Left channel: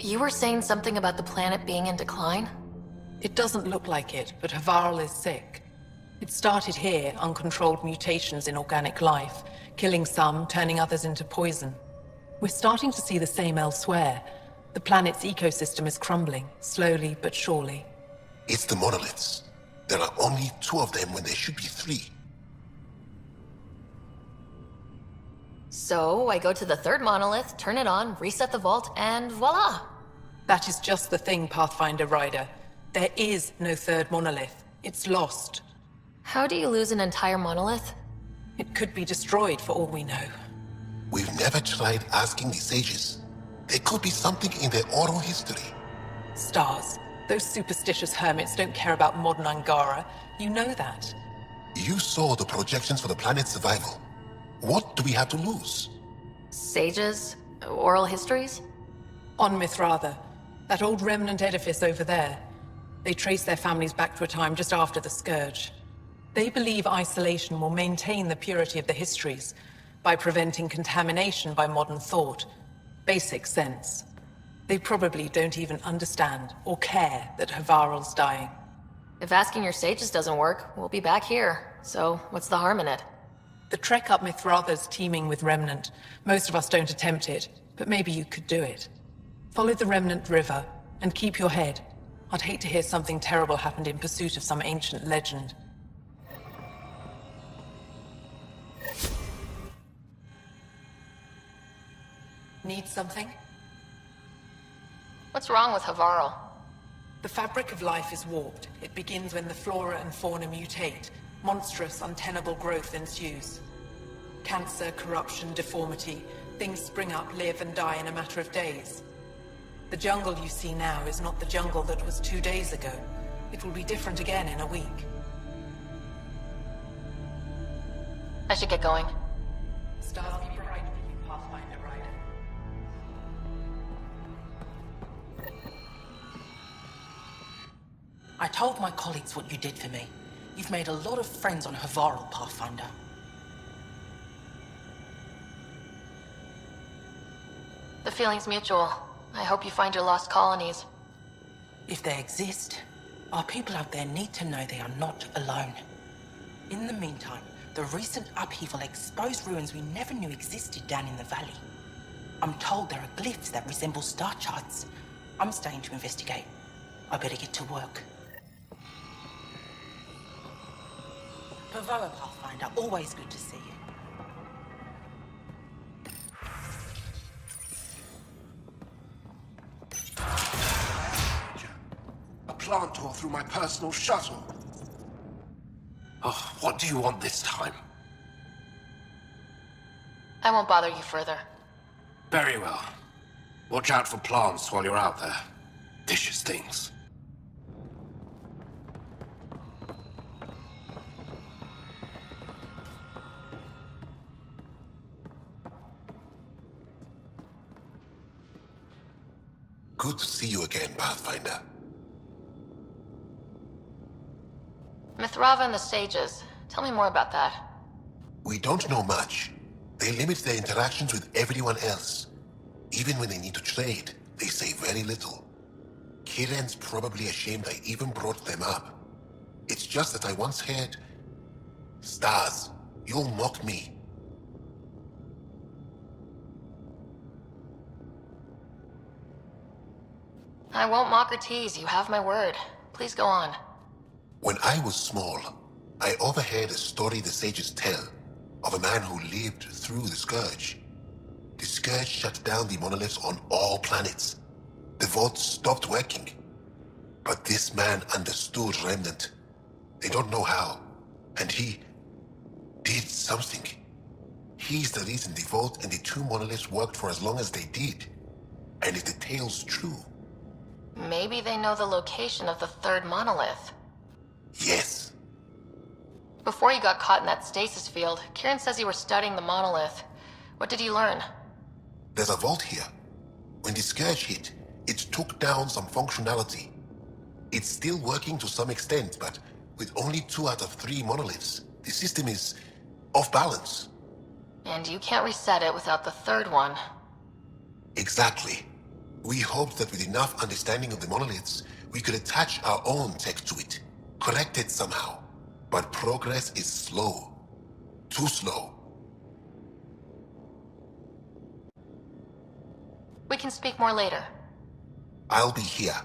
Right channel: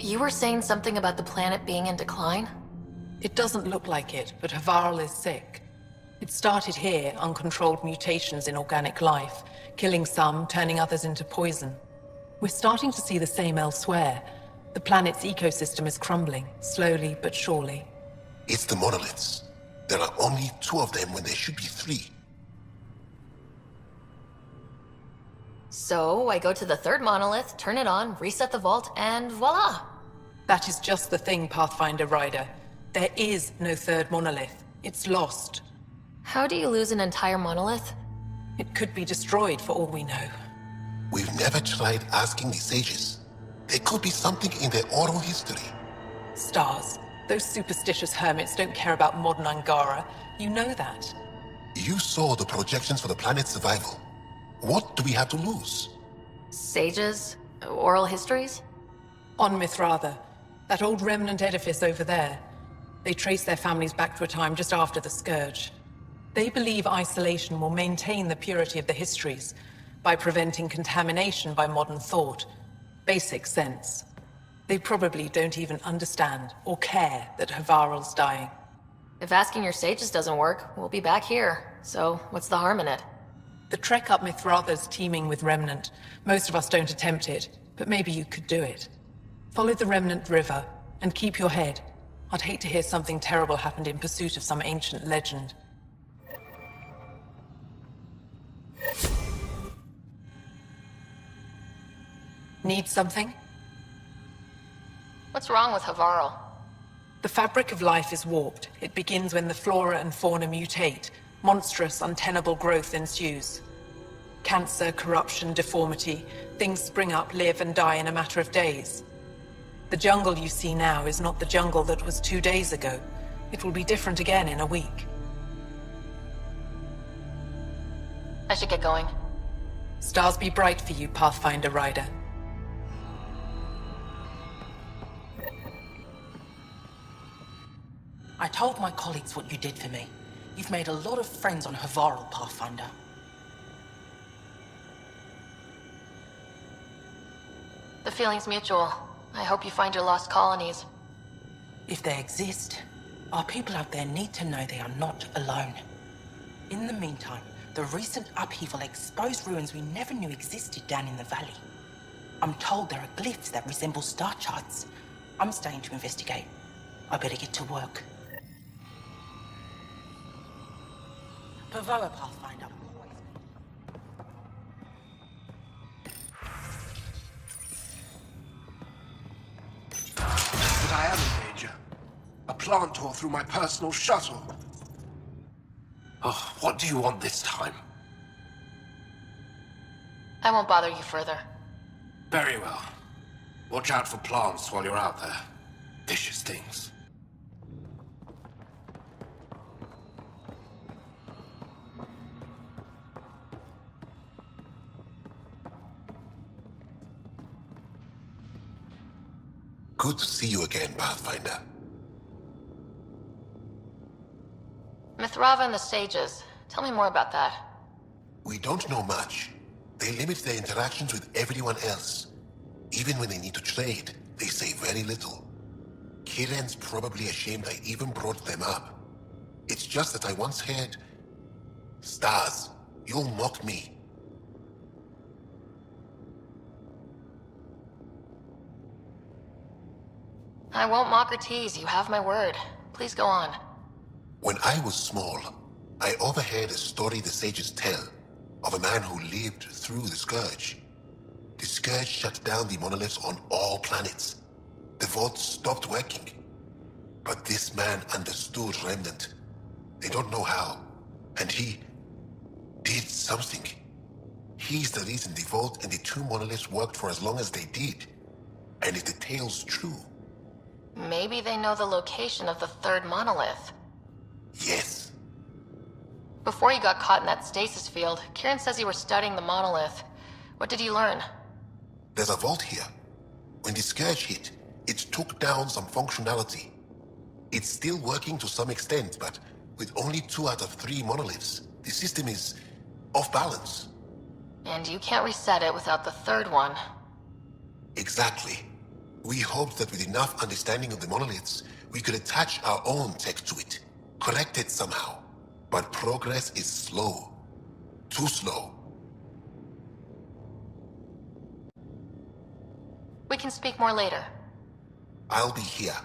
You were saying something about the planet being in decline? It doesn't look like it, but Havarl is sick. It started here, uncontrolled mutations in organic life, killing some, turning others into poison. We're starting to see the same elsewhere. The planet's ecosystem is crumbling, slowly but surely. It's the monoliths. There are only 2 of them when there should be 3. So, I go to the third monolith, turn it on, reset the vault, and voila! That is just the thing, Pathfinder Ryder. There is no third monolith. It's lost. How do you lose an entire monolith? It could be destroyed for all we know. We've never tried asking the sages. There could be something in their oral history. Stars. Those superstitious hermits don't care about modern Angara. You know that. You saw the projections for the planet's survival. What do we have to lose? Sages? Oral histories? On Mithratha, that old remnant edifice over there. They trace their families back to a time just after the Scourge. They believe isolation will maintain the purity of the histories by preventing contamination by modern thought. Basic sense. They probably don't even understand or care that Havarl's dying. If asking your sages doesn't work, we'll be back here. So, what's the harm in it? The trek up Mithratha's teeming with remnant. Most of us don't attempt it, but maybe you could do it. Follow the remnant river, and keep your head. I'd hate to hear something terrible happened in pursuit of some ancient legend. Need something? What's wrong with Havarl? The fabric of life is warped. It begins when the flora and fauna mutate. Monstrous, untenable growth ensues. Cancer, corruption, deformity. Things spring up, live, and die in a matter of days. The jungle you see now is not the jungle that was 2 days ago. It will be different again in a week. I should get going. Stars be bright for you, Pathfinder Ryder. I told my colleagues what you did for me. You've made a lot of friends on Havarl, Pathfinder. The feeling's mutual. I hope you find your lost colonies. If they exist, our people out there need to know they are not alone. In the meantime, the recent upheaval exposed ruins we never knew existed down in the valley. I'm told there are glyphs that resemble star charts. I'm staying to investigate. I better get to work. Pavoa, Pathfinder, always good to see you. I am a major. A plantor through my personal shuttle. Oh, what do you want this time? I won't bother you further. Very well. Watch out for plants while you're out there. Vicious things. Good to see you again, Pathfinder. Mithratha and the sages. Tell me more about that. We don't know much. They limit their interactions with everyone else. Even when they need to trade, they say very little. Kiren's probably ashamed I even brought them up. It's just that I once heard... Stars, you'll mock me. I won't mock or tease. You have my word. Please go on. When I was small, I overheard a story the sages tell of a man who lived through the Scourge. The Scourge shut down the monoliths on all planets. The vaults stopped working. But this man understood Remnant. They don't know how. And he did something. He's the reason the vault and the 2 monoliths worked for as long as they did. And if the tale's true... Maybe they know the location of the 3rd monolith. Yes. Before you got caught in that stasis field, Kiren says you were studying the monolith. What did you learn? There's a vault here. When the Scourge hit, it took down some functionality. It's still working to some extent, but with only 2 out of 3 monoliths, the system is off balance. And you can't reset it without the 3rd one. Exactly. We hoped that with enough understanding of the monoliths, we could attach our own tech to it, correct it somehow. But progress is slow. Too slow. We can speak more later. I'll be here.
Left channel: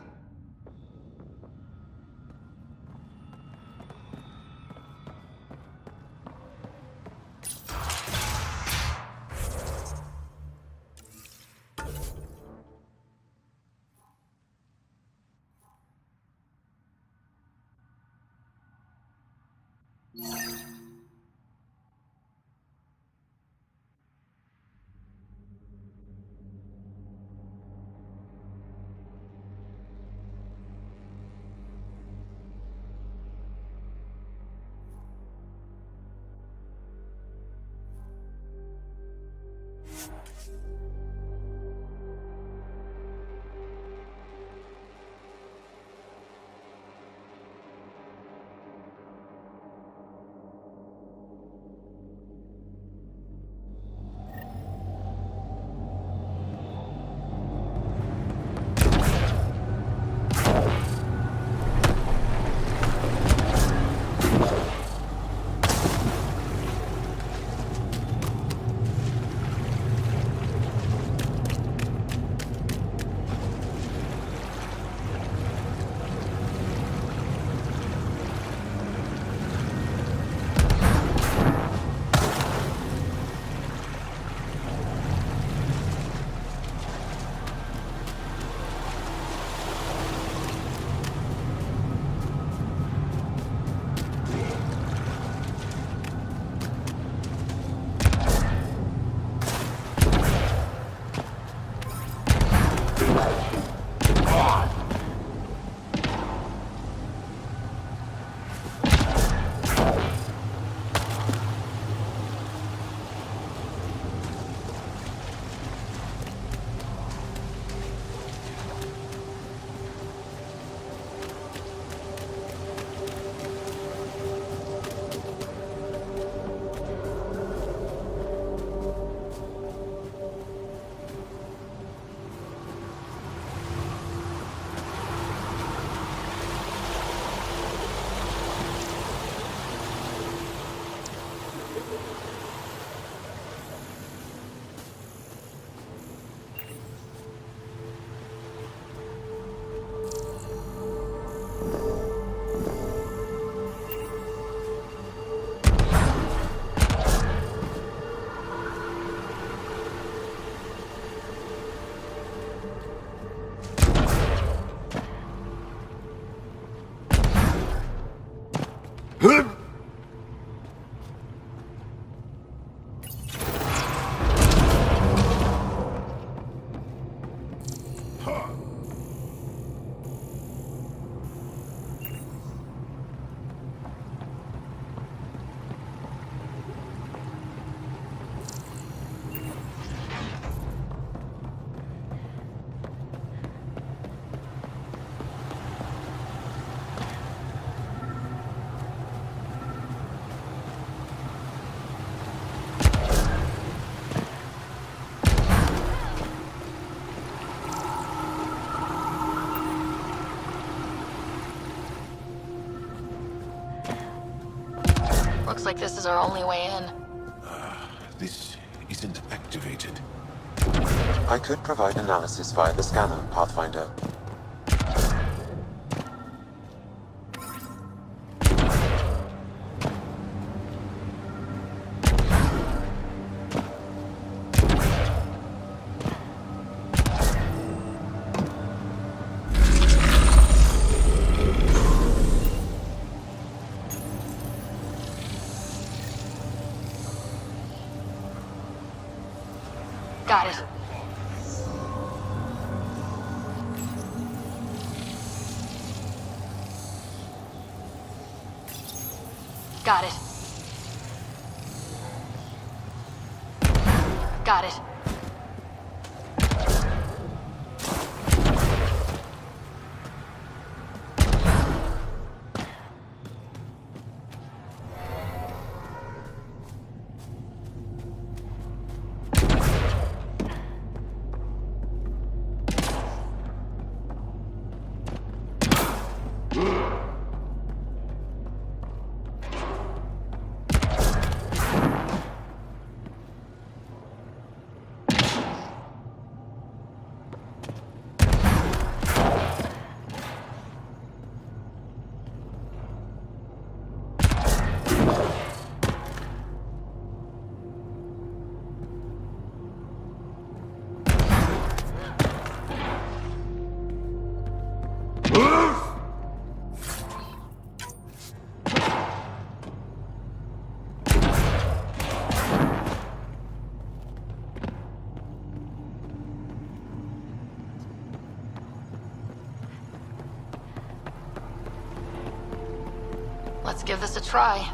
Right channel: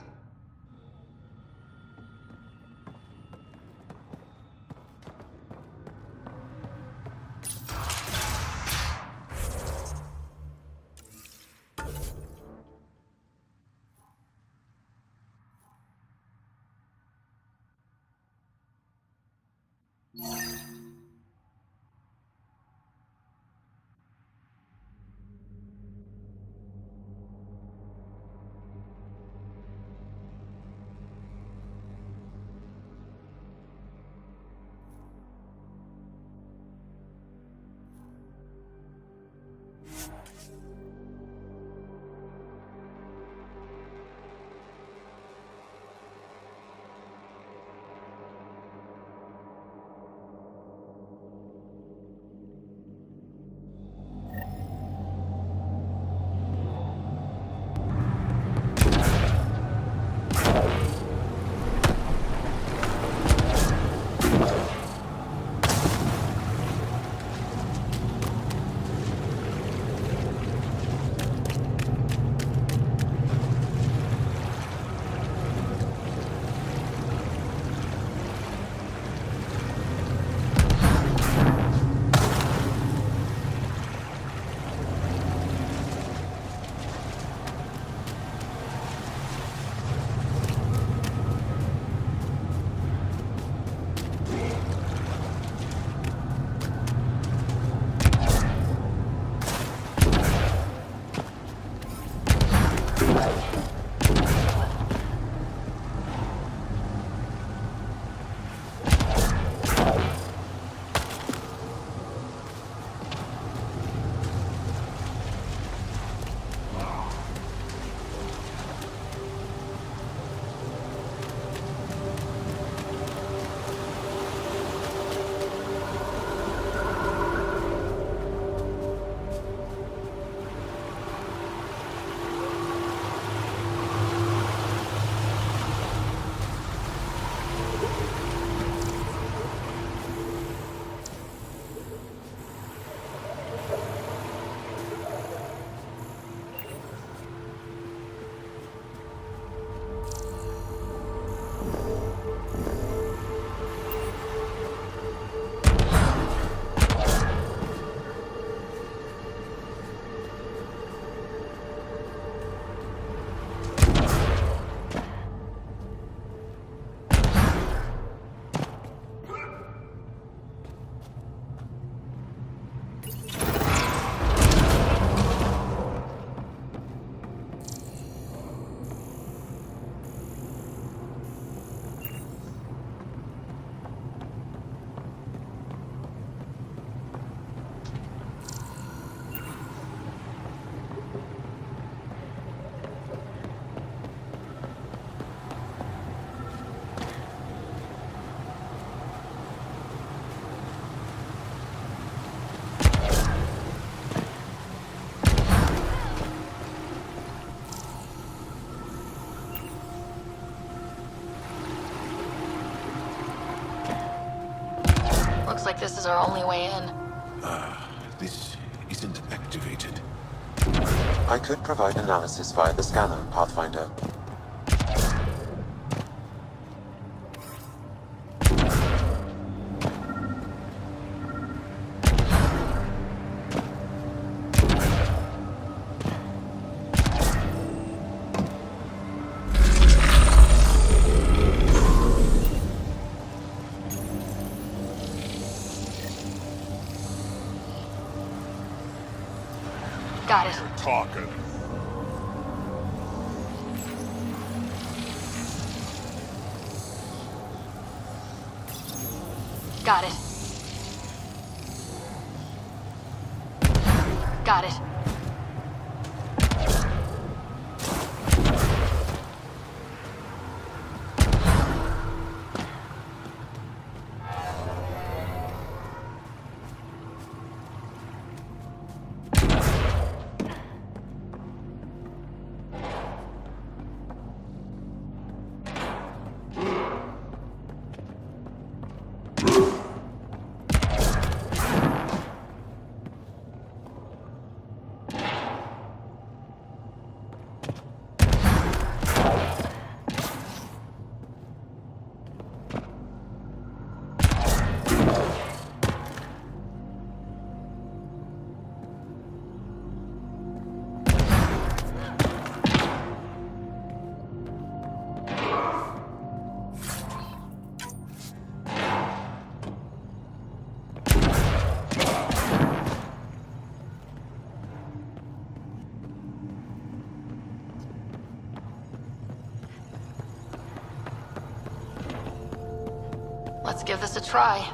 Looks like this is our only way in. This isn't activated. I could provide analysis via the scanner, Pathfinder. Got it. Got it. Got it. Let's give this a try.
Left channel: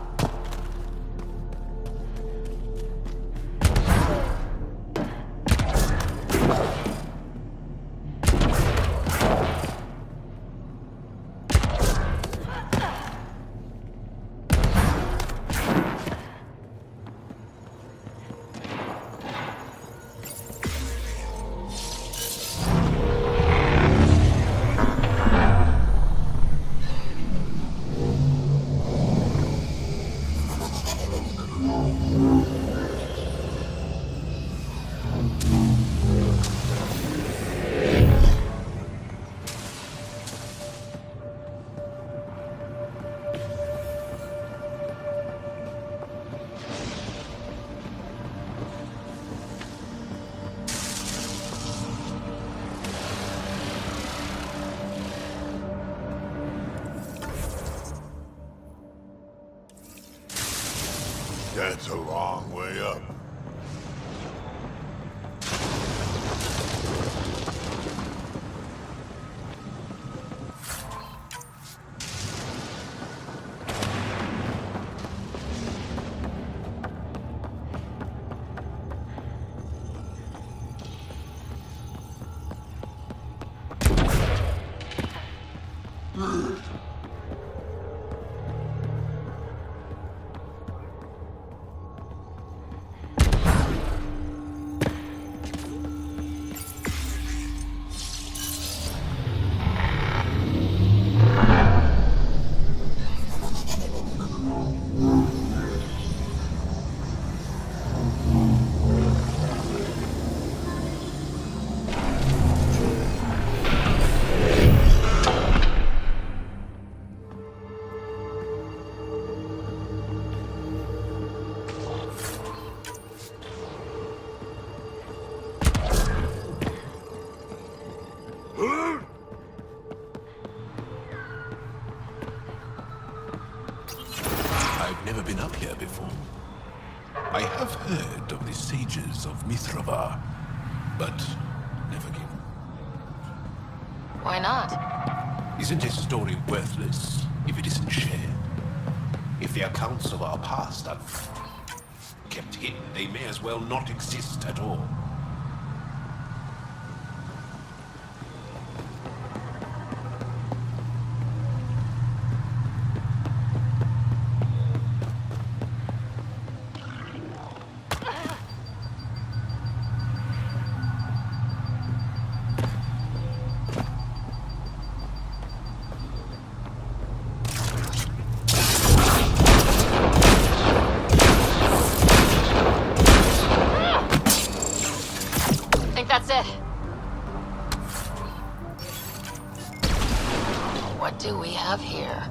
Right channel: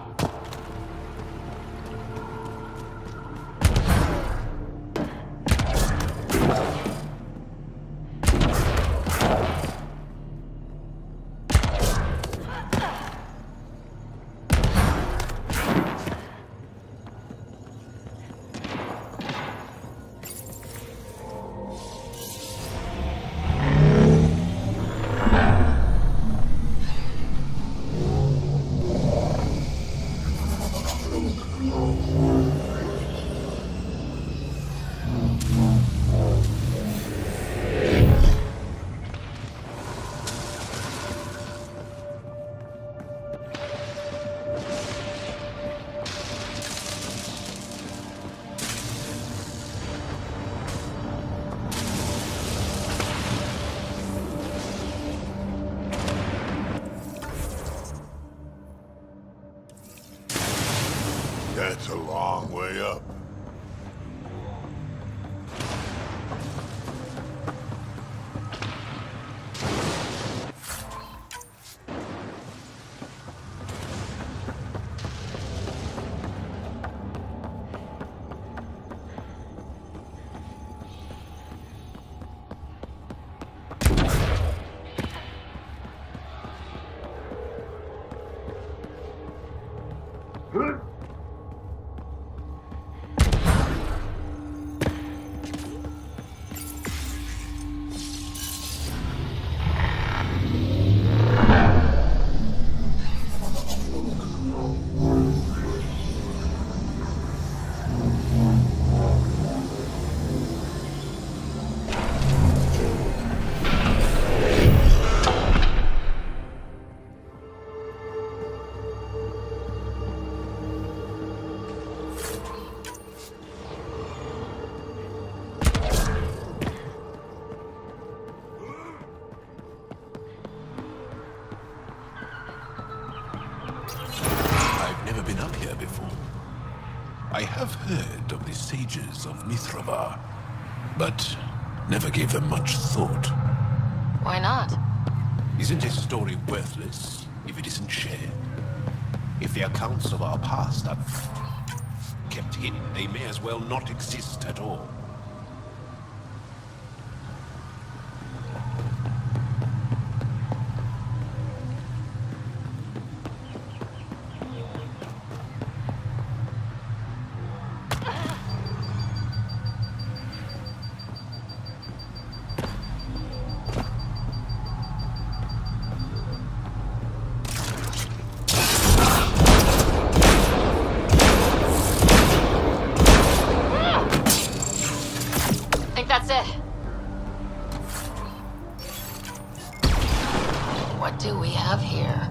That's a long way up. Never been up here before. I have heard of the sages of Mithrava, but never gave them much thought. Why not? Isn't a story worthless if it isn't shared? If the accounts of our past are kept hidden, they may as well not exist at all. That's it. What do we have here?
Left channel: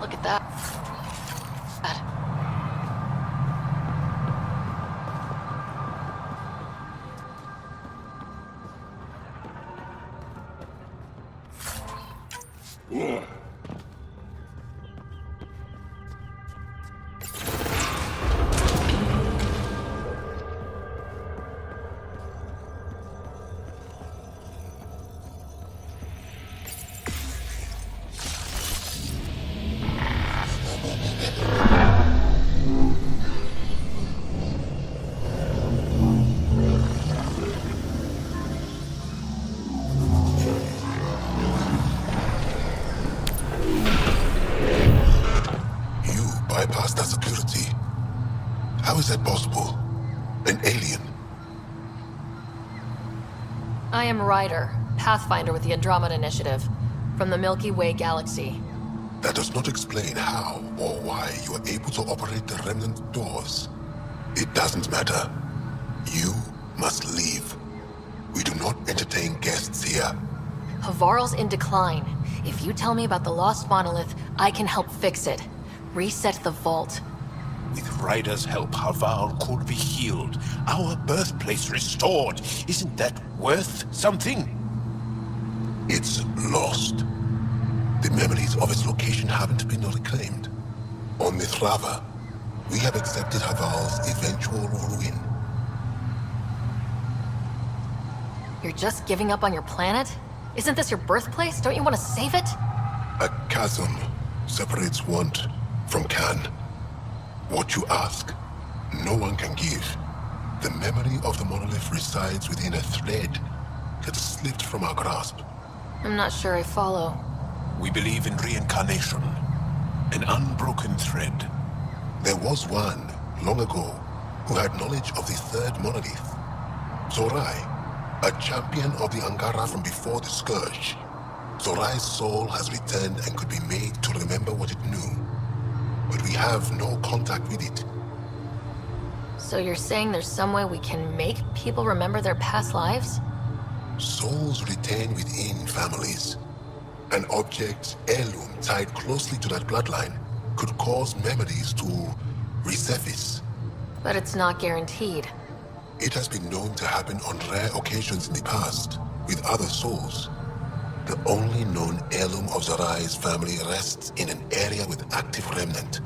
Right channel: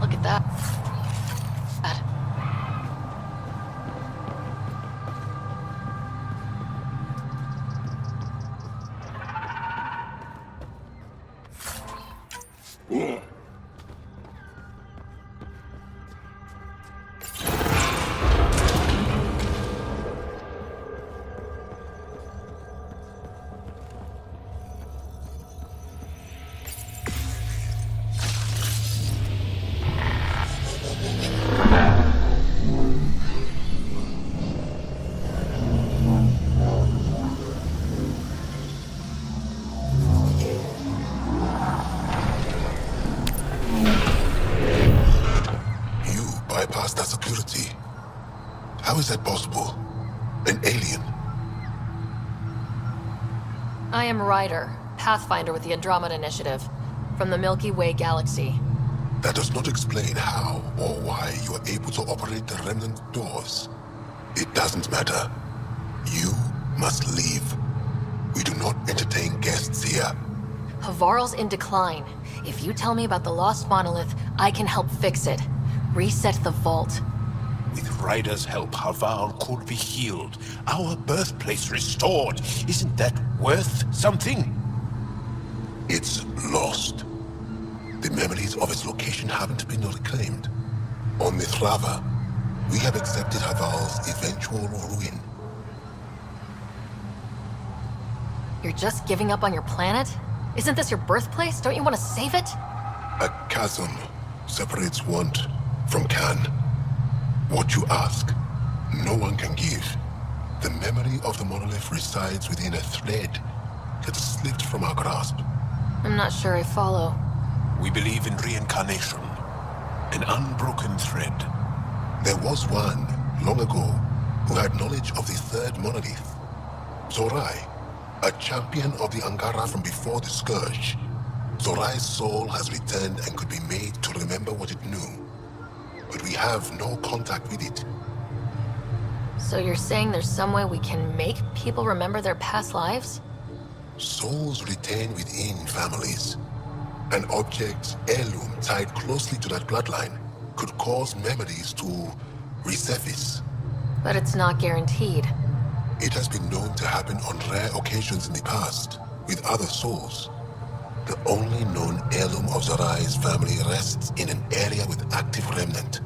Look at that. How is that possible? An alien? I am Ryder, Pathfinder with the Andromeda Initiative, from the Milky Way galaxy. That does not explain how or why you are able to operate the remnant doors. It doesn't matter. You must leave. We do not entertain guests here. Havarl's in decline. If you tell me about the lost monolith, I can help fix it. Reset the vault. With Ryder's help, Havarl could be healed. Our birthplace restored. Isn't that worth something? It's lost. The memories of its location haven't been reclaimed. On Mithrava, we have accepted Havarl's eventual ruin. You're just giving up on your planet? Isn't this your birthplace? Don't you want to save it? A chasm separates want from can. What you ask, no one can give. The memory of the monolith resides within a thread that slipped from our grasp. I'm not sure I follow. We believe in reincarnation. An unbroken thread. There was one, long ago, who had knowledge of the third monolith. Zorai, a champion of the Angara from before the Scourge. Zorai's soul has returned and could be made to remember what it knew. But we have no contact with it. So you're saying there's some way we can make people remember their past lives? Souls retain within families. An object's heirloom tied closely to that bloodline could cause memories to resurface. But it's not guaranteed. It has been known to happen on rare occasions in the past, with other souls. The only known heirloom of Zorai's family rests in an area with active remnant.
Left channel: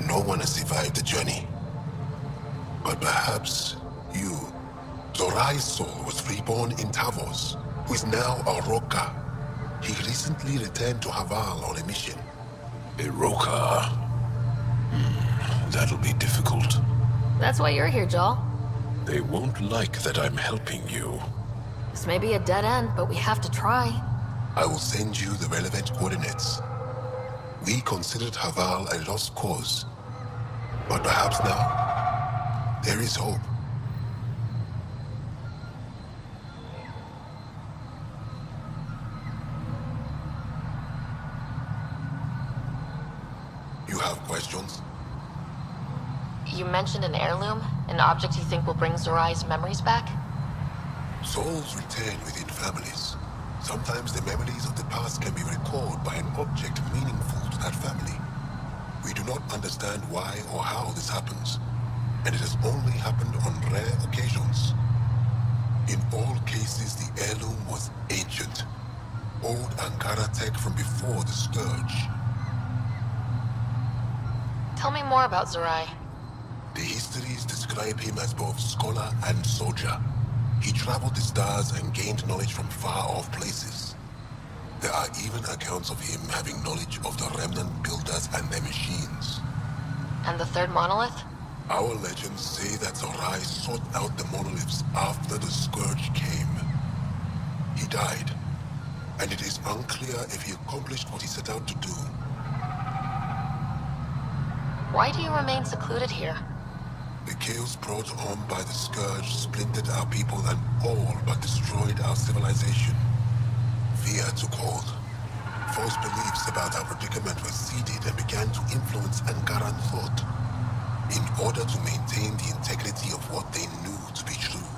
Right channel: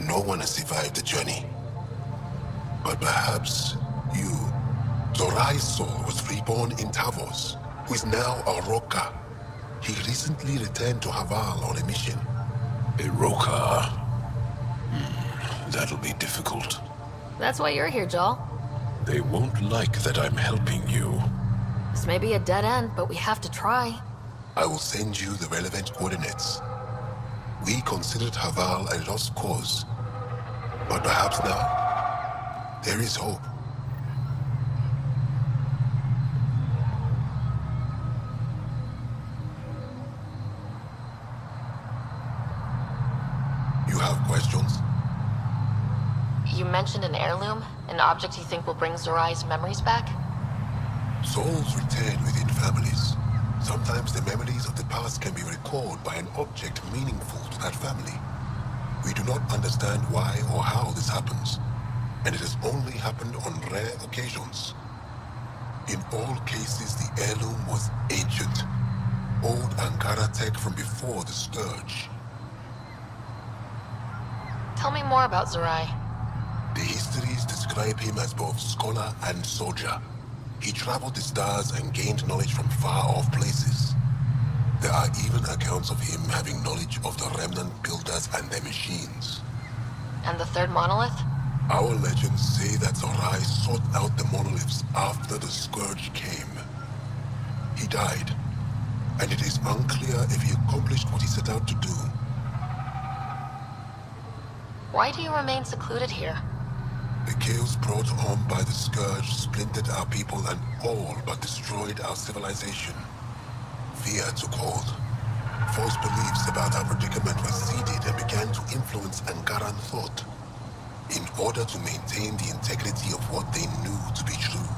No one has survived the journey. But perhaps you. Zorai's soul was reborn in Tavos, who is now a Roka. He recently returned to Havarl on a mission. A Roka. that'll be difficult. That's why you're here, Joel. They won't like that I'm helping you. This may be a dead end, but we have to try. I will send you the relevant coordinates. We considered Haval a lost cause, but perhaps now, there is hope. You have questions? You mentioned an heirloom, an object you think will bring Zorai's memories back? Souls return within families. Sometimes the memories of the past can be recalled by an object meaningful to that family. We do not understand why or how this happens, and it has only happened on rare occasions. In all cases, the heirloom was ancient, old Ankara tech from before the Scourge. Tell me more about Zorai. The histories describe him as both scholar and soldier. He traveled the stars and gained knowledge from far-off places. There are even accounts of him having knowledge of the remnant builders and their machines. And the third monolith? Our legends say that Zorai sought out the monoliths after the Scourge came. He died, and it is unclear if he accomplished what he set out to do. Why do you remain secluded here? The chaos brought on by the Scourge splintered our people and all but destroyed our civilization. Fear took hold. False beliefs about our predicament were seeded and began to influence Ankaran thought, in order to maintain the integrity of what they knew to be true.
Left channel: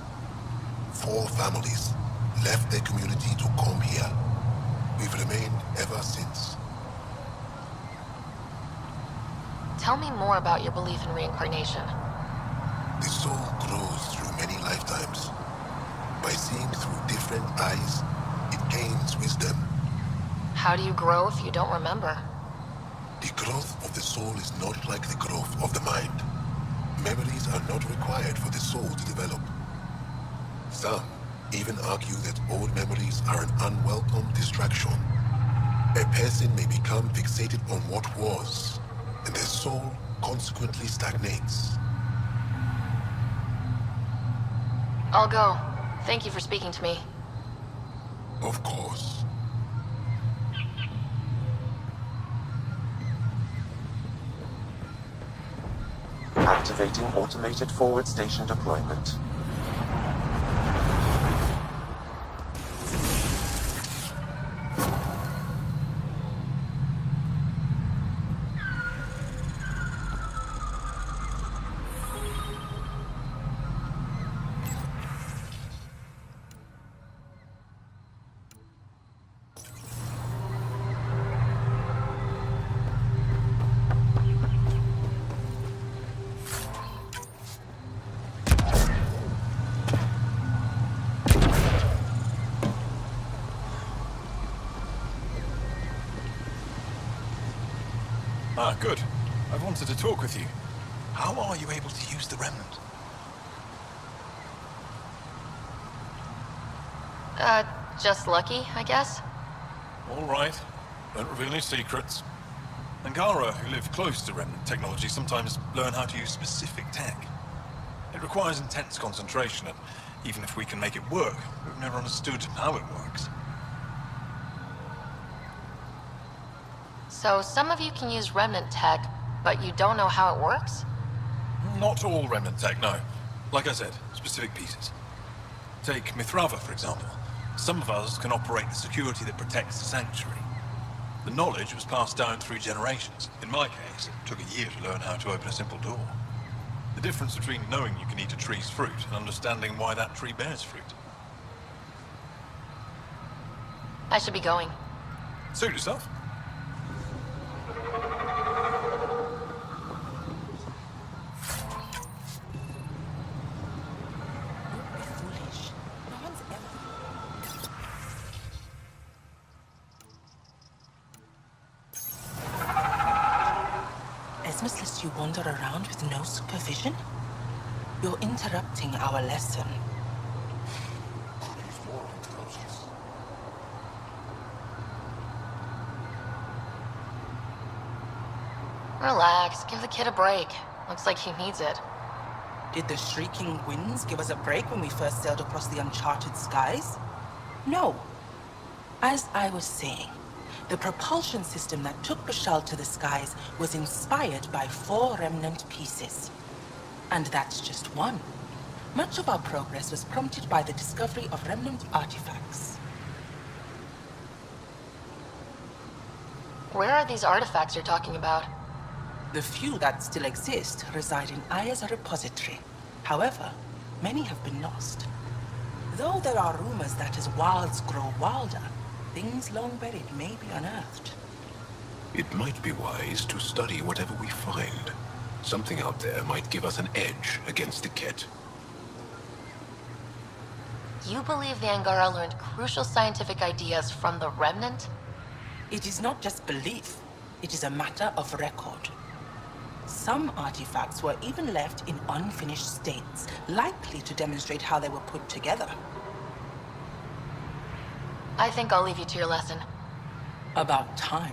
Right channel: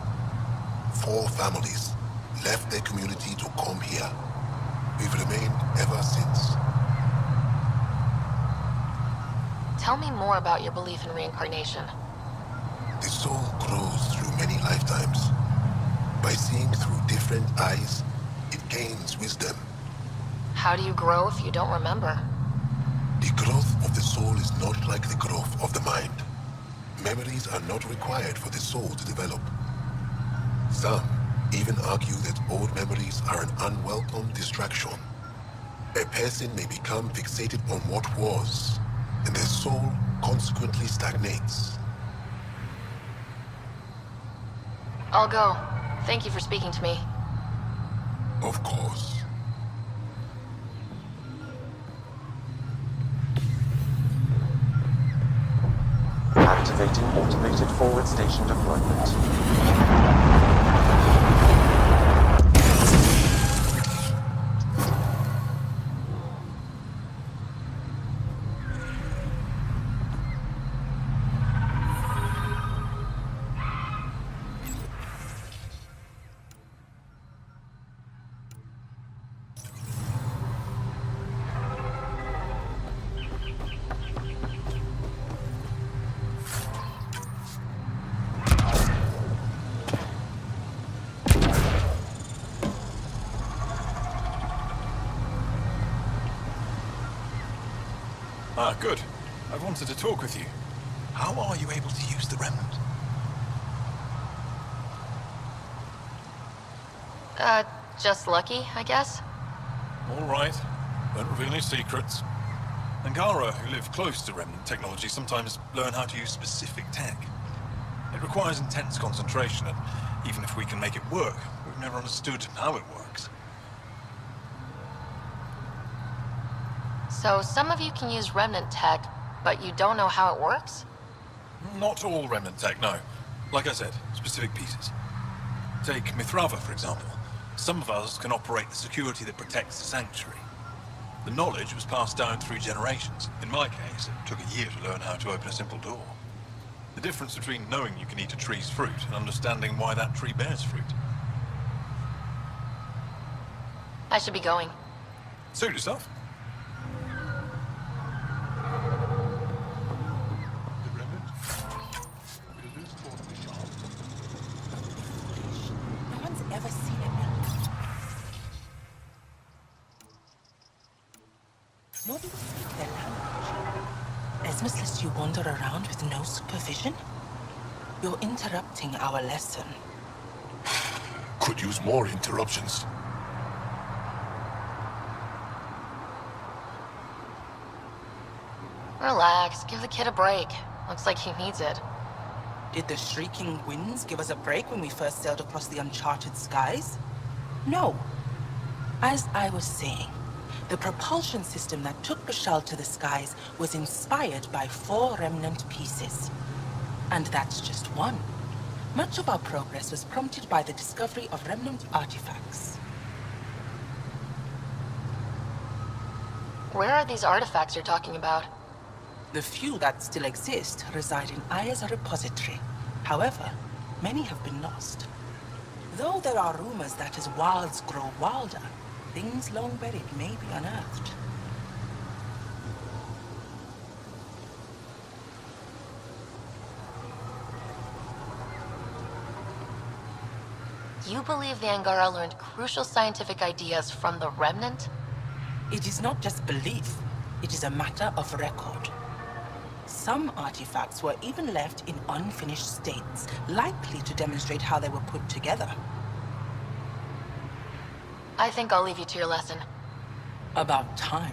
4 families left their community to come here. We've remained ever since. Tell me more about your belief in reincarnation. The soul grows through many lifetimes. By seeing through different eyes, it gains wisdom. How do you grow if you don't remember? The growth of the soul is not like the growth of the mind. Memories are not required for the soul to develop. Some even argue that old memories are an unwelcome distraction. A person may become fixated on what was, and their soul consequently stagnates. I'll go. Thank you for speaking to me. Of course. Activating automated forward station deployment. Ah, good. I wanted to talk with you. How are you able to use the remnant? Just lucky, I guess? All right. Don't reveal any secrets. Angara, who live close to remnant technology, sometimes learn how to use specific tech. It requires intense concentration, and even if we can make it work, we've never understood how it works. So some of you can use remnant tech, but you don't know how it works? Not all remnant tech, no. Like I said, specific pieces. Take Mithrava, for example. Some of us can operate the security that protects the sanctuary. The knowledge was passed down through generations. In my case, it took a year to learn how to open a simple door. The difference between knowing you can eat a tree's fruit and understanding why that tree bears fruit. I should be going. Suit yourself. Esmus lets you wander around with no supervision? You're interrupting our lesson. Could use more interruptions. Relax, give the kid a break. Looks like he needs it. Did the shrieking winds give us a break when we first sailed across the uncharted skies? No. As I was saying, the propulsion system that took Bashal to the skies was inspired by 4 remnant pieces. And that's just one. Much of our progress was prompted by the discovery of remnant artifacts. Where are these artifacts you're talking about? The few that still exist reside in Aya's repository. However, many have been lost. Though there are rumors that as wilds grow wilder, things long buried may be unearthed. It might be wise to study whatever we find. Something out there might give us an edge against the Kett. You believe the Angara learned crucial scientific ideas from the Remnant? It is not just belief, it is a matter of record. Some artifacts were even left in unfinished states, likely to demonstrate how they were put together. I think I'll leave you to your lesson. About time.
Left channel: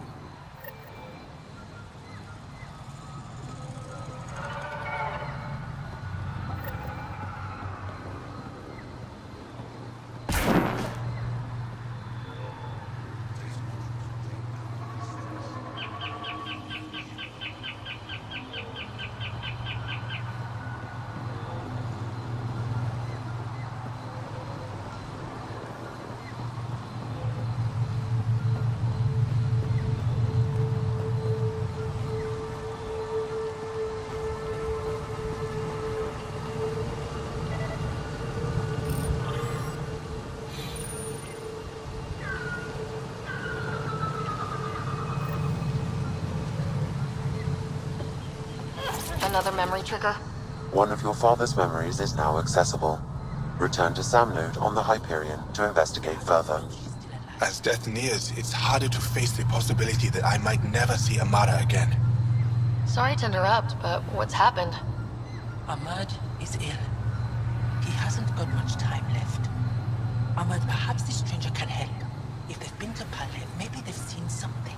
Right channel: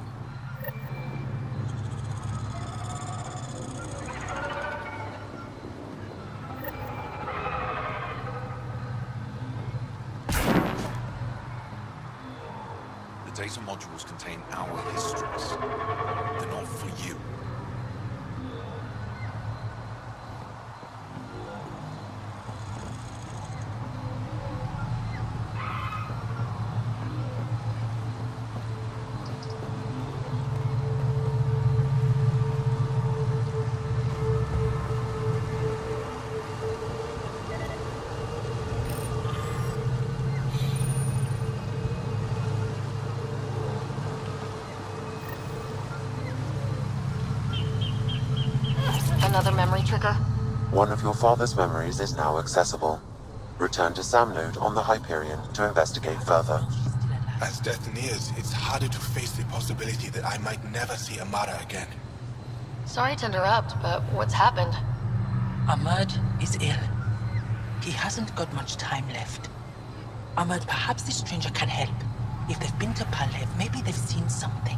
The data modules contain our histories. They're not for you. Another memory trigger? One of your father's memories is now accessible. Return to Samnode on the Hyperion to investigate further. As death nears, it's harder to face the possibility that I might never see Amara again. Sorry to interrupt, but what's happened? Ahmad is ill. He hasn't got much time left. Ahmad, perhaps this stranger can help. If they've been to Palev, maybe they've seen something.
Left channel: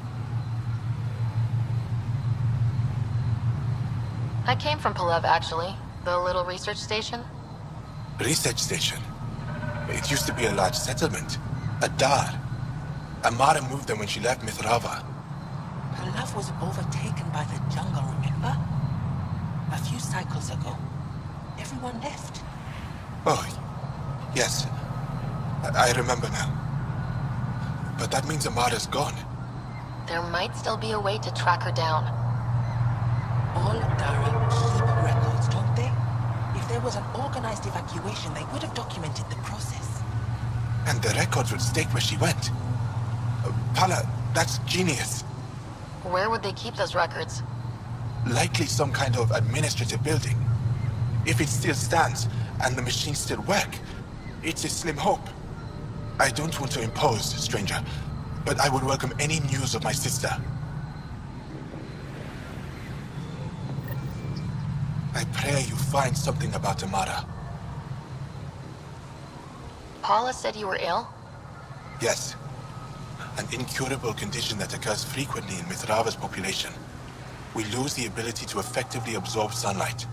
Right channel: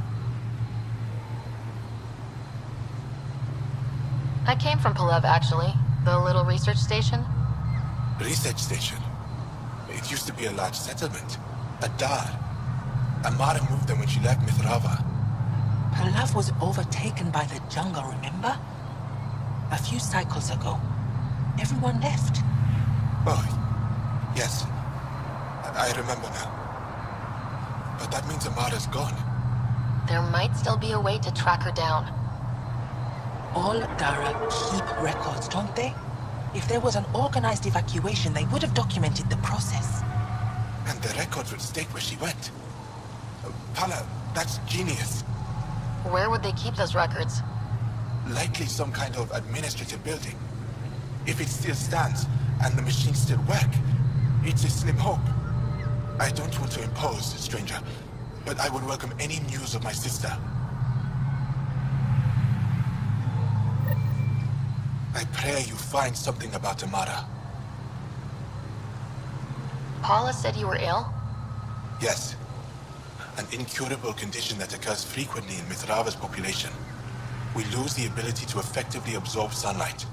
I came from Palev, actually. The little research station. Research station? It used to be a large settlement. A dar. Amara moved them when she left Mithrava. Palev was overtaken by the jungle, remember? A few cycles ago. Everyone left. Oh, yes. I remember now. But that means Amara's gone. There might still be a way to track her down. All Dara keep records, don't they? If there was an organized evacuation, they would have documented the process. And the records would state where she went. Pala, that's genius. Where would they keep those records? Likely some kind of administrative building. If it still stands, and the machines still work, it's a slim hope. I don't want to impose, stranger, but I would welcome any news of my sister. I pray you find something about Amara. Paula said you were ill? Yes. An incurable condition that occurs frequently in Mithrava's population. We lose the ability to effectively absorb sunlight.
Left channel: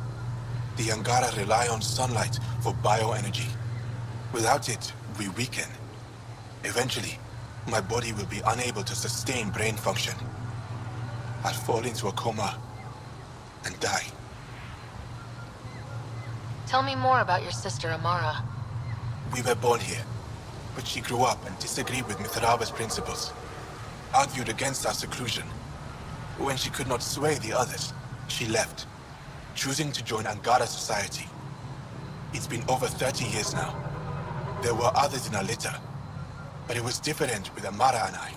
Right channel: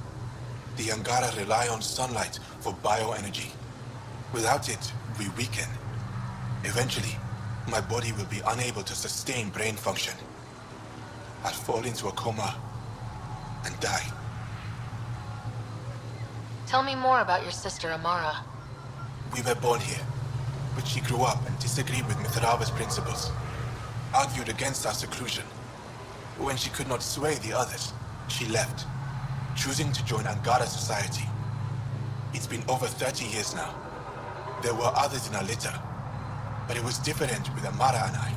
The Angara rely on sunlight for bioenergy. Without it, we weaken. Eventually, my body will be unable to sustain brain function. I'll fall into a coma and die. Tell me more about your sister, Amara. We were born here, but she grew up and disagreed with Mithrava's principles. Argued against our seclusion. When she could not sway the others, she left, choosing to join Angara society. It's been over 30 years now. There were others in our litter, but it was different with Amara and I.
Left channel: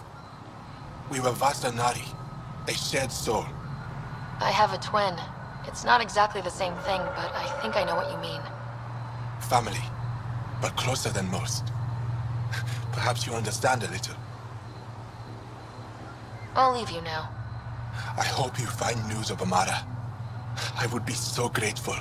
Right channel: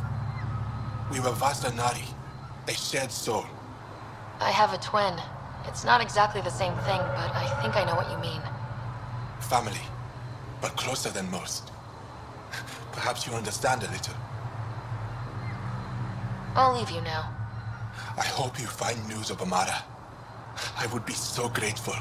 We were Vasta Nari, a shared soul. I have a twin. It's not exactly the same thing, but I think I know what you mean. Family, but closer than most. Perhaps you understand a little. I'll leave you now. I hope you find news of Amara. I would be so grateful.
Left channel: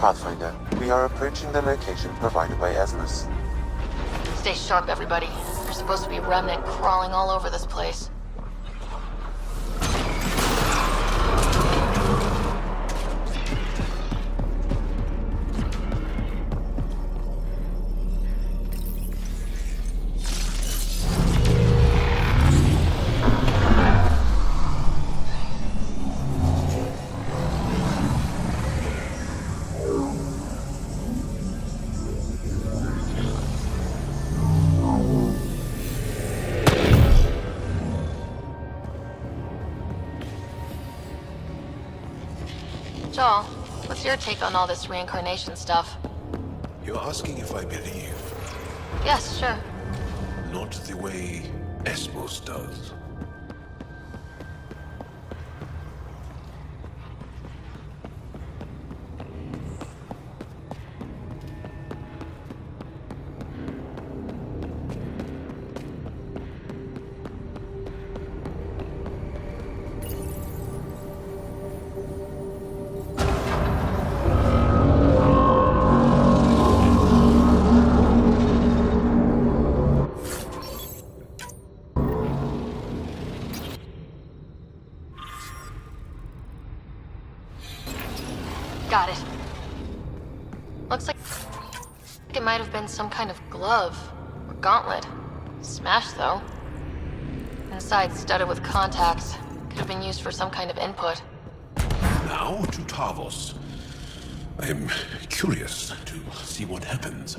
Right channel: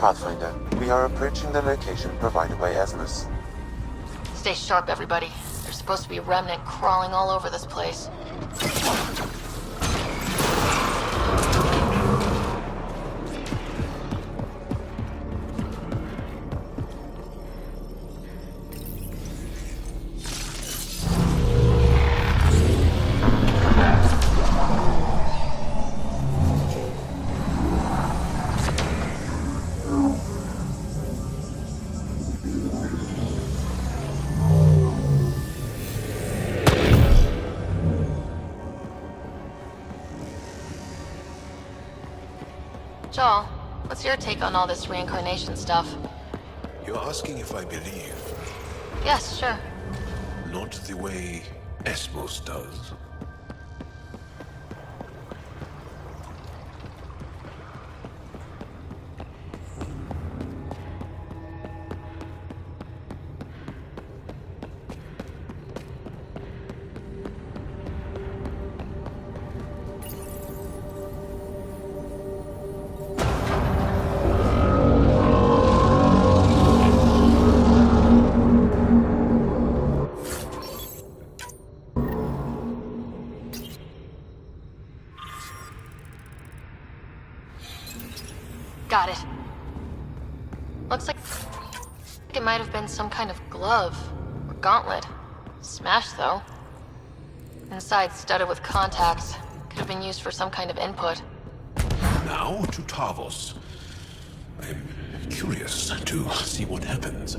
Pathfinder, we are approaching the location provided by Esmus. Stay sharp, everybody. There's supposed to be a remnant crawling all over this place. Joel, what's your take on all this reincarnation stuff? You're asking if I believe, Yes, sure. not the way Esmus does. Got it. Looks like it might have been some kind of glove or gauntlet. Smashed, though. Inside studded with contacts. Could have been used for some kind of input. Now to Tavos. I'm curious to see what happens.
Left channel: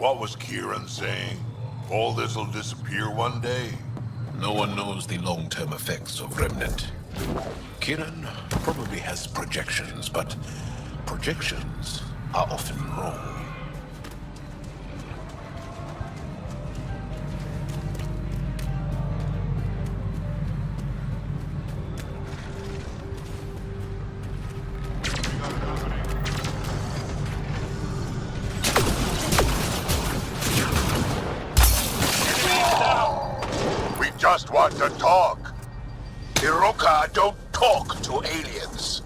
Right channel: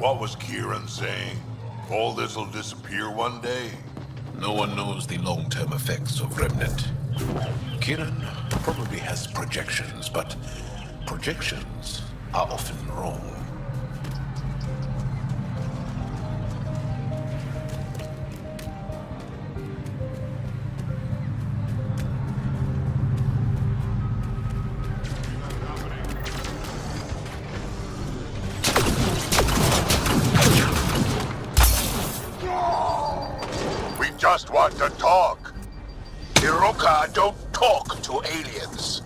what was Kieran saying? All this'll disappear one day? No one knows the long-term effects of Remnant. Kieran probably has projections, but projections are often wrong. Just want to talk. Iroka don't talk to aliens.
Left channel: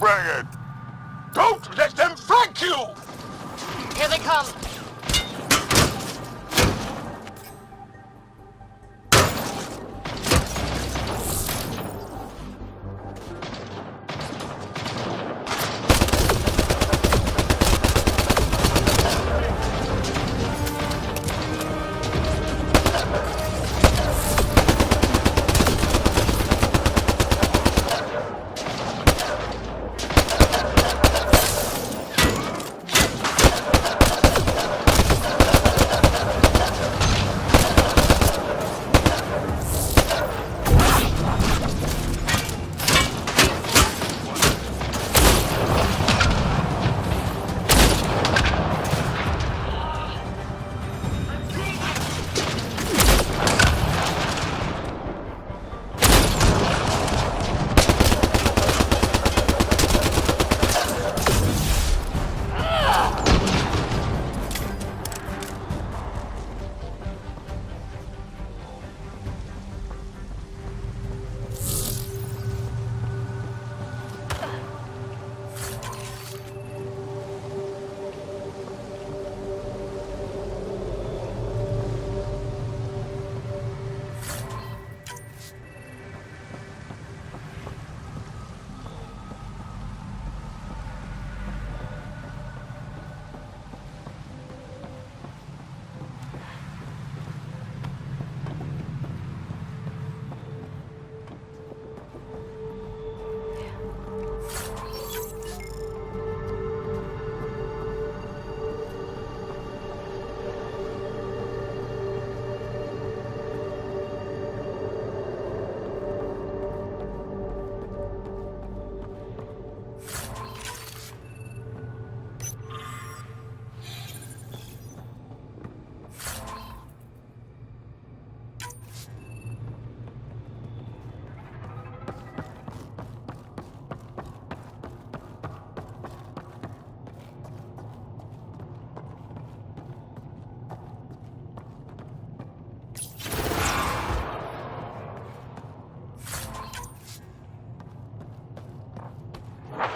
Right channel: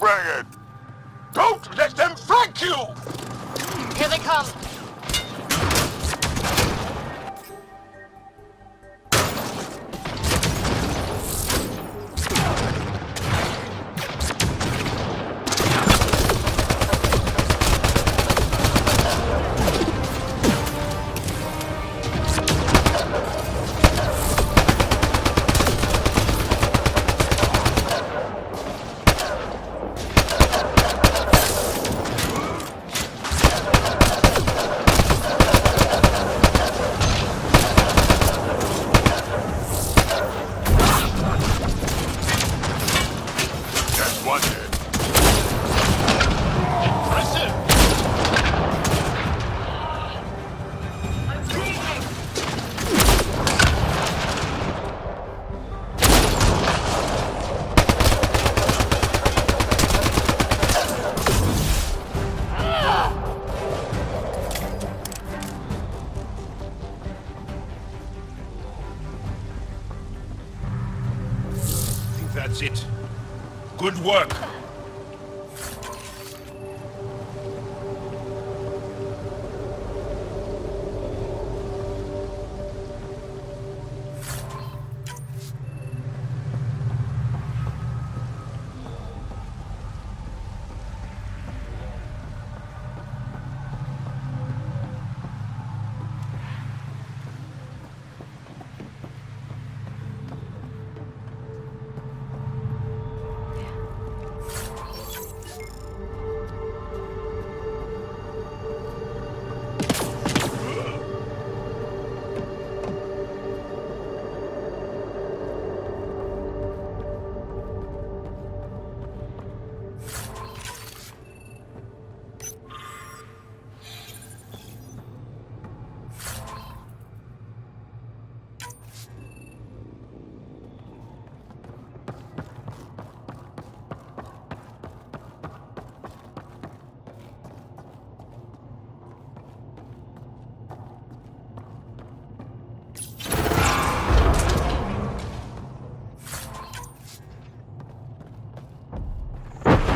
Bring it! Don't let them flank you! Here they come. That's it. Good work.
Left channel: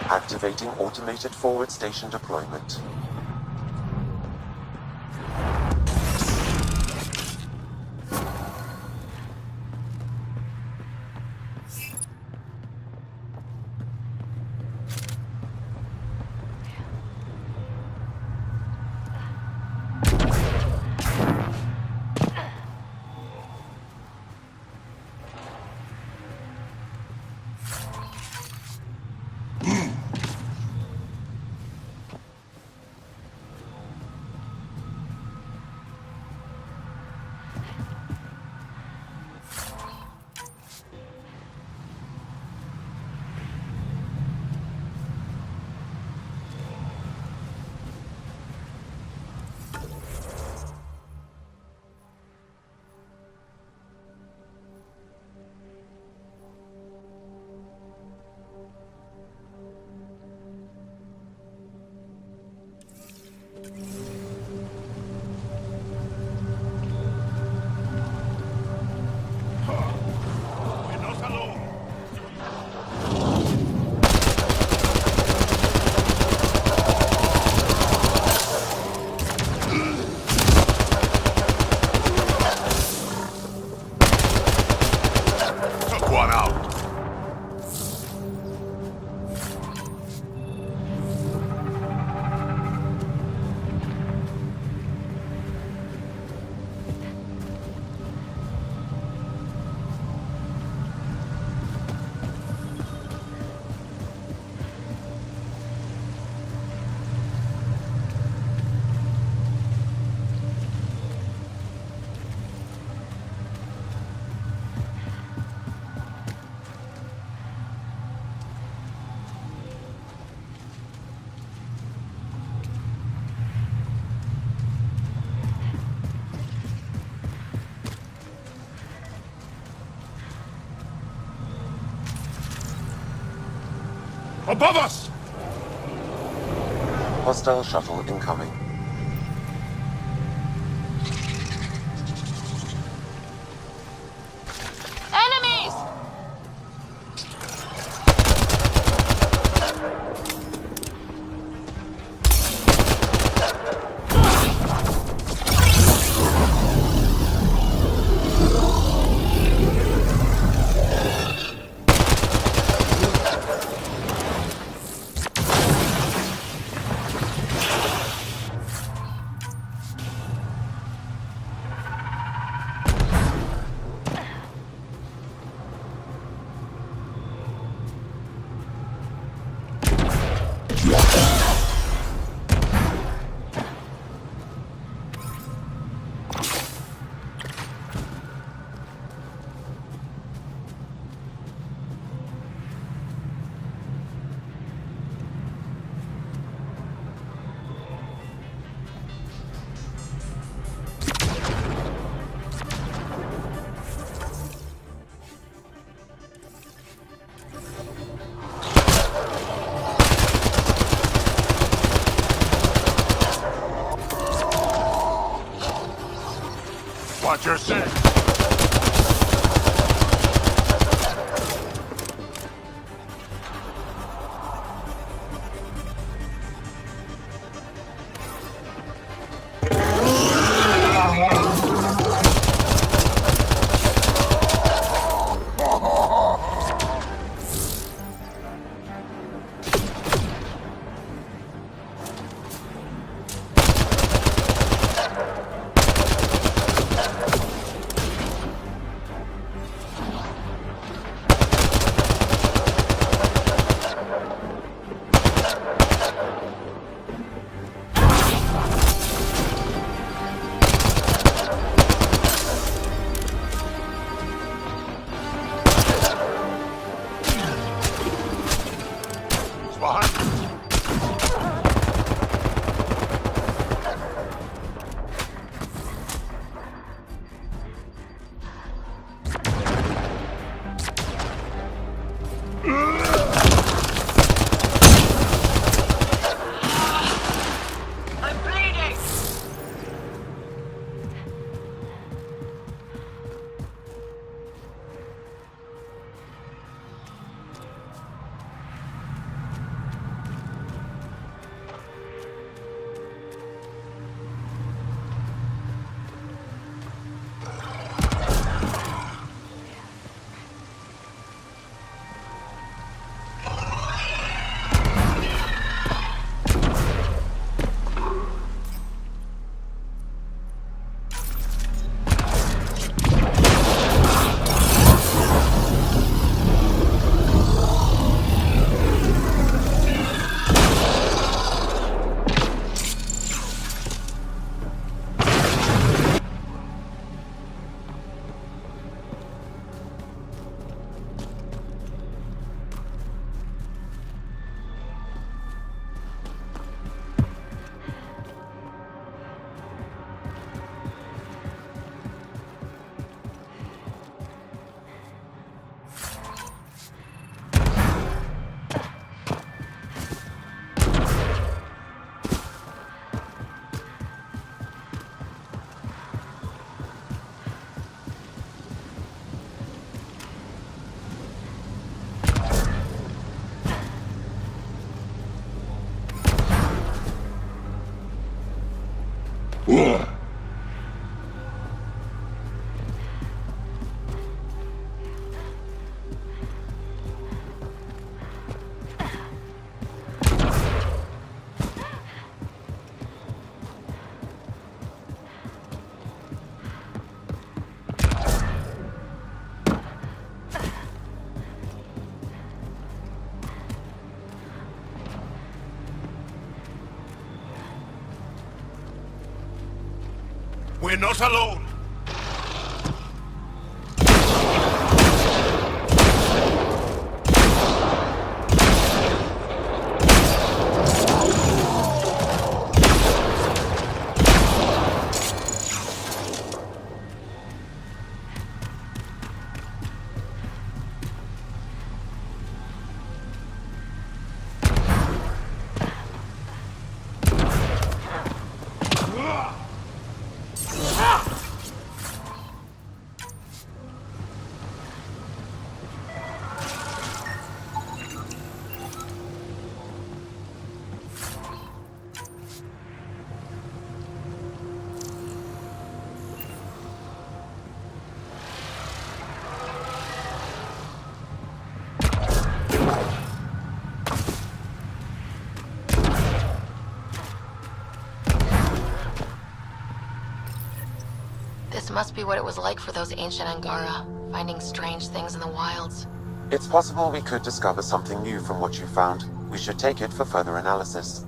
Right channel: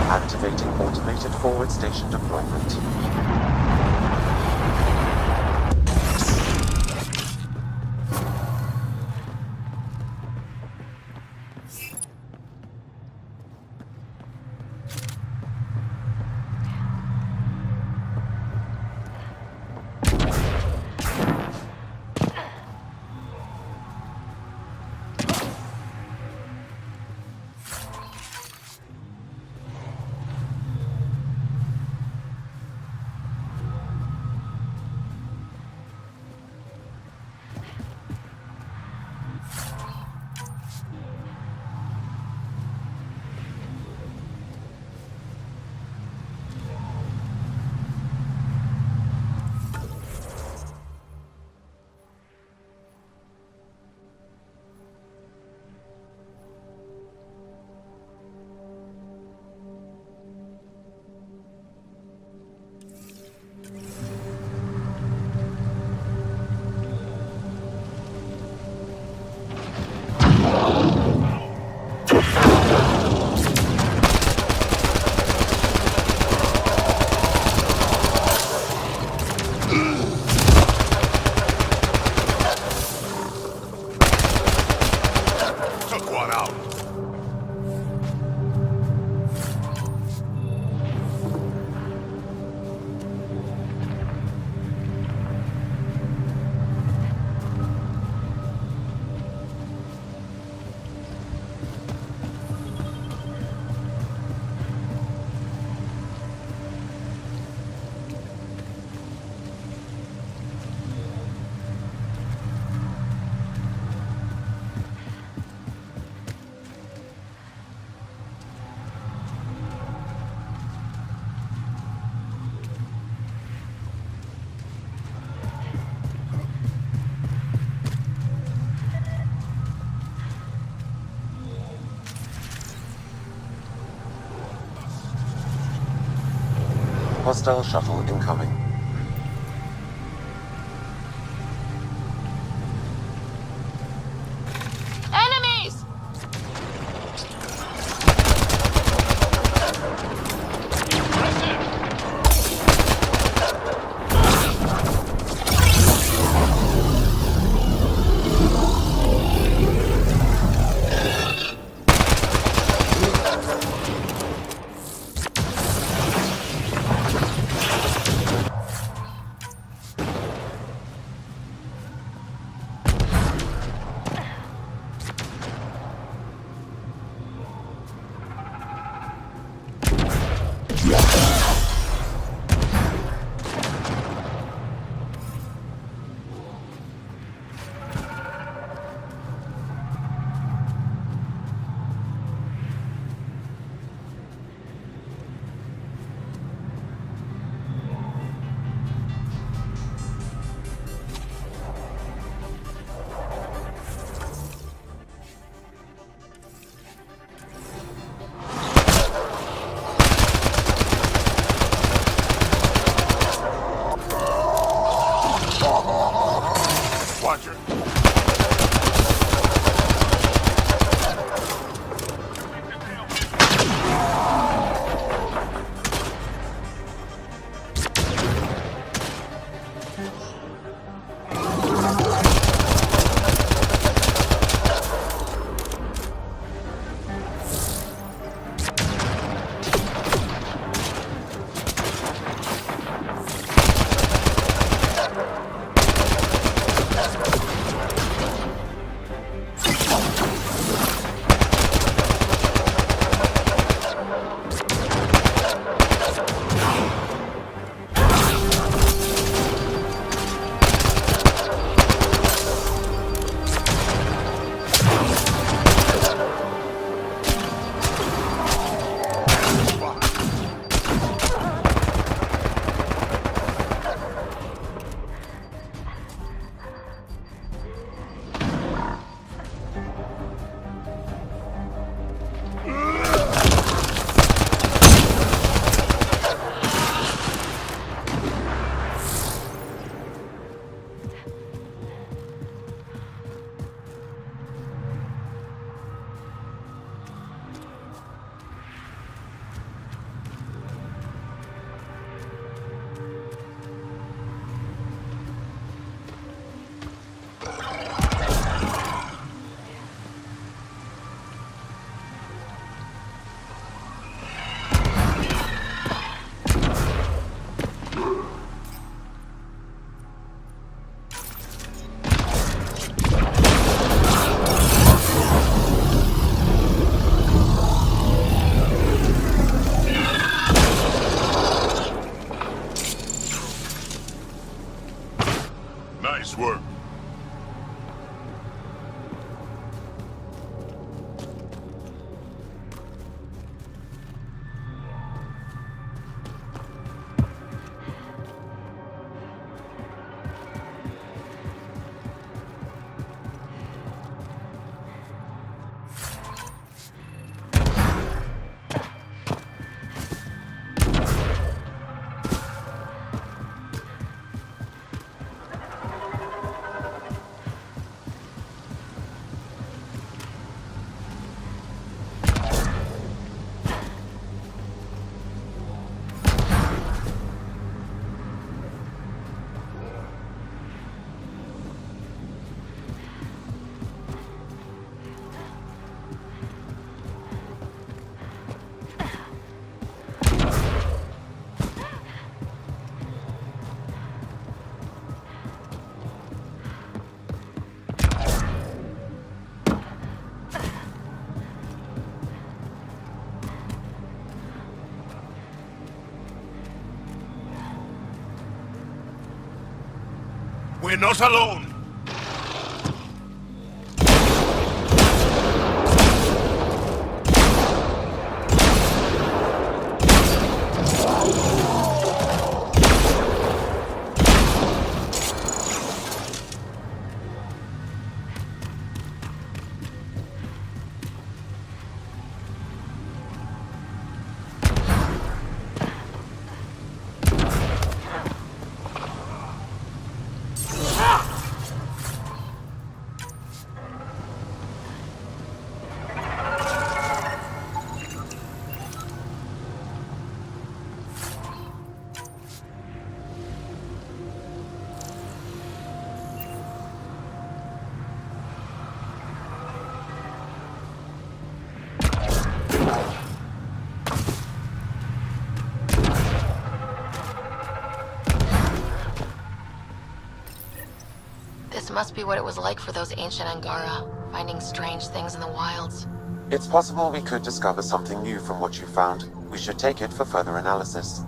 Activating automated forward station deployment. Above us! Hostile shuttle incoming. Enemies! Watch your six. We're not alone! must be what it was like for those ancient Angara, finding strange things in the wilds. It's possible we could discover something new from what you found. We should take it for further analysis.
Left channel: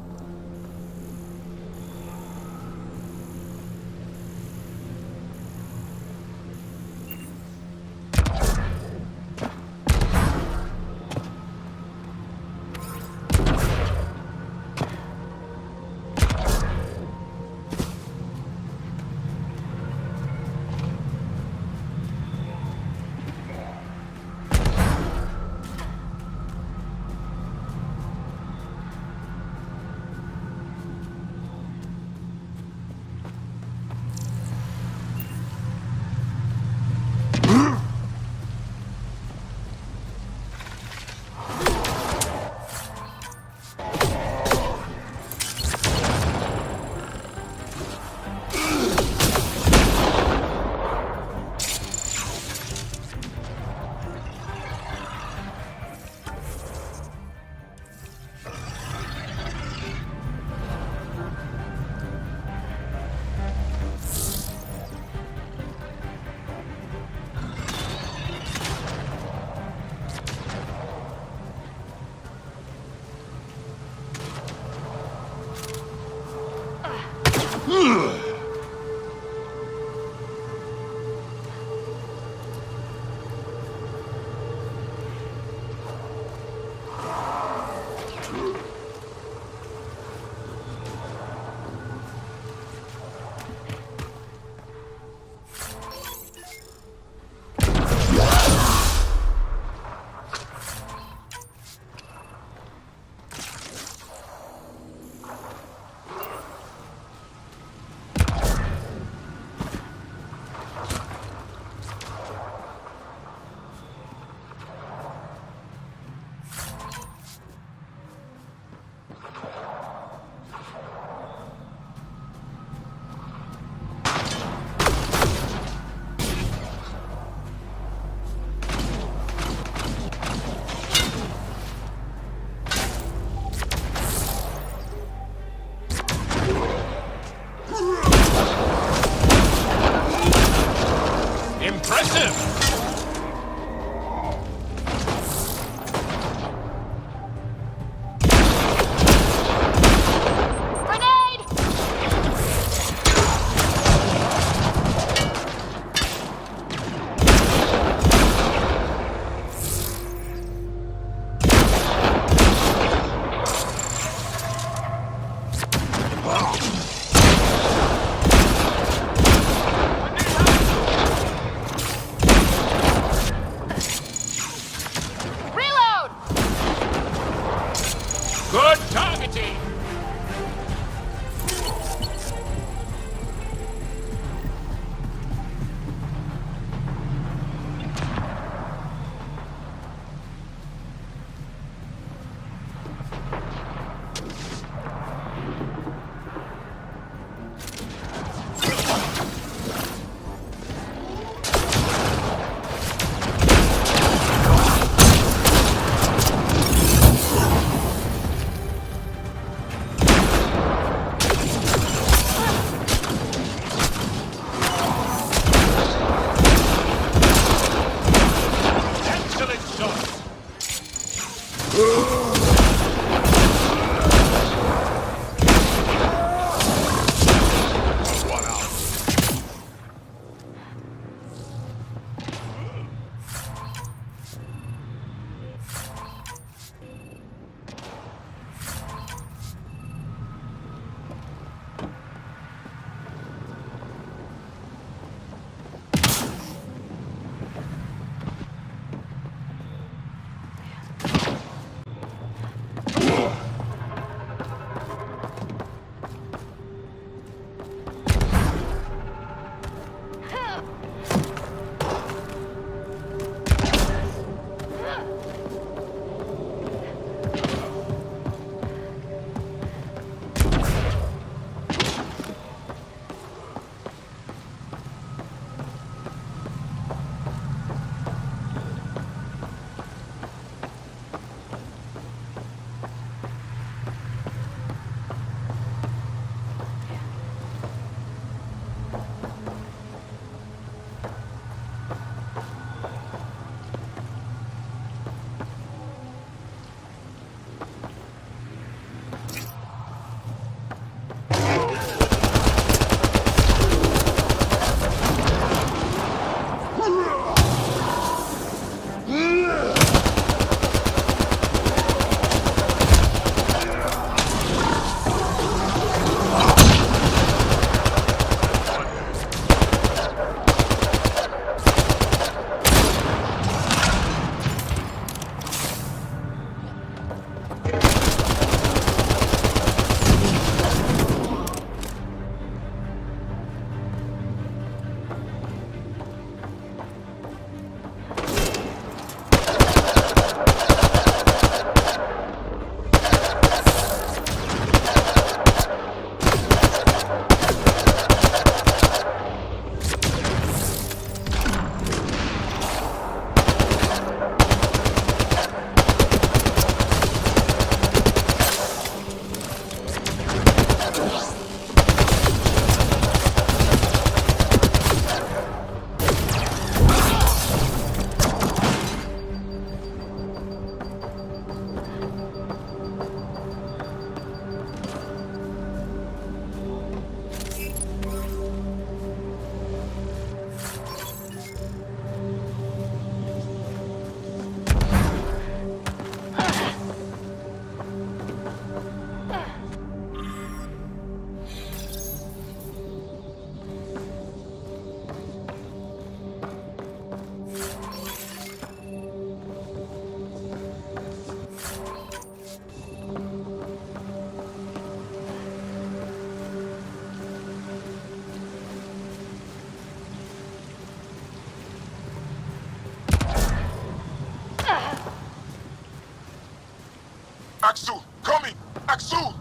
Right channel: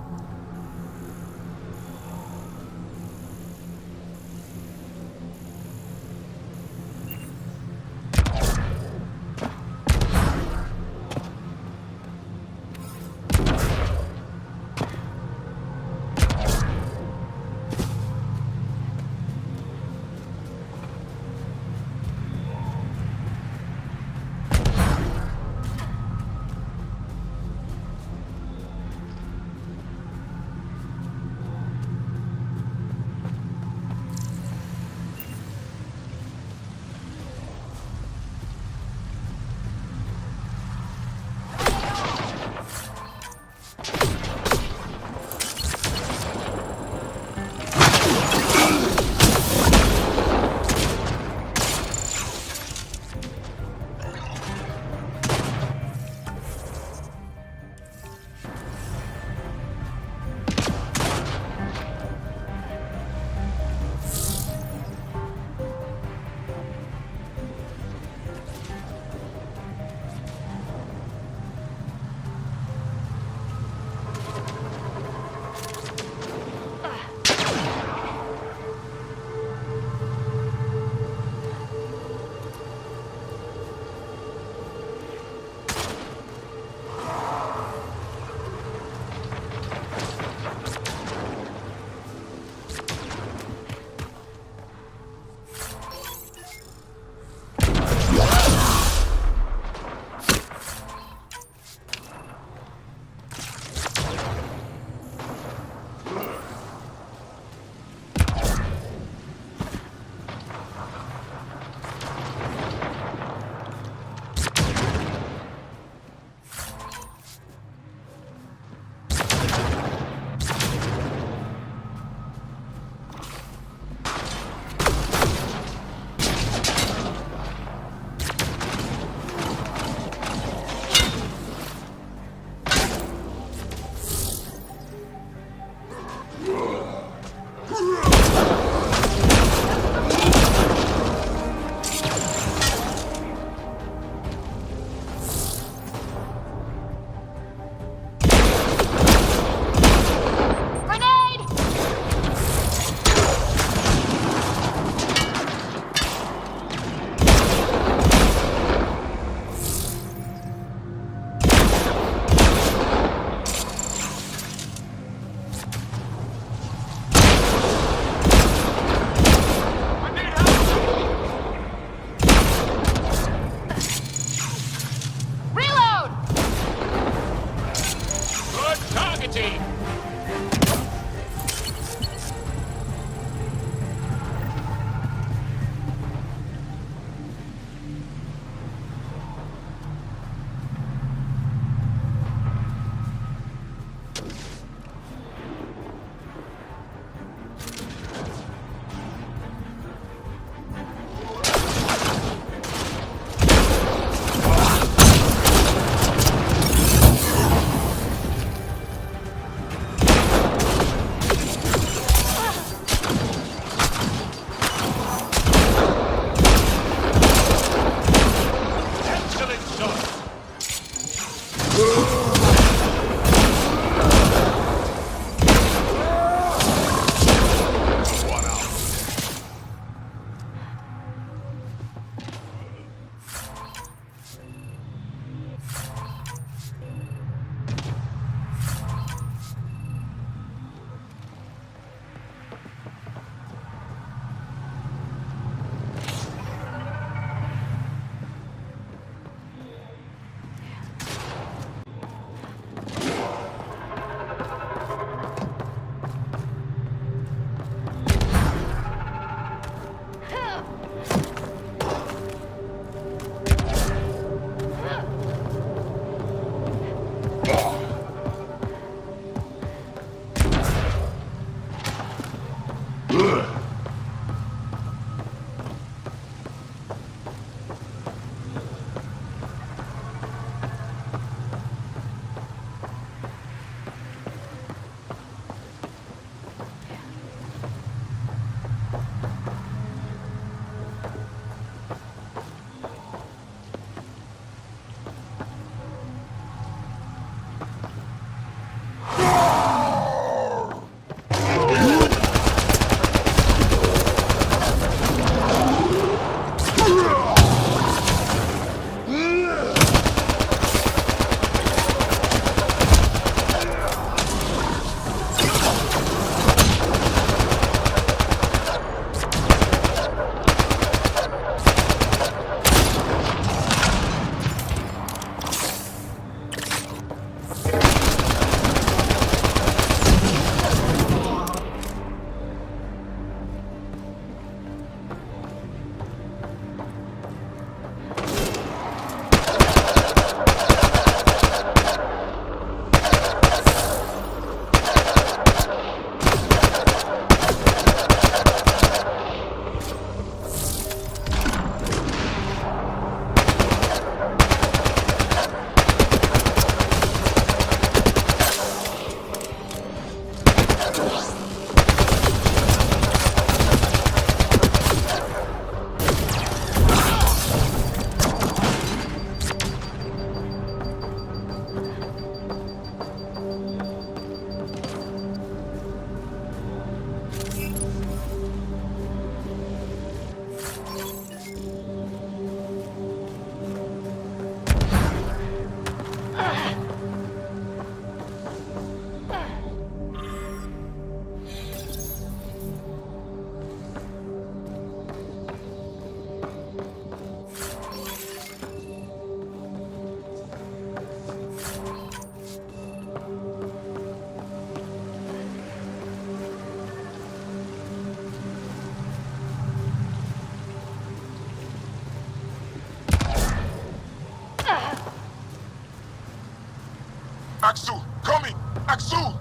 soon!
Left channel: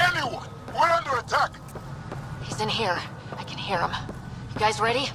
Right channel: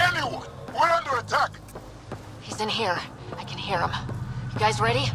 Anyone! We're under attack! He's in here. I can hear him. You guys ready?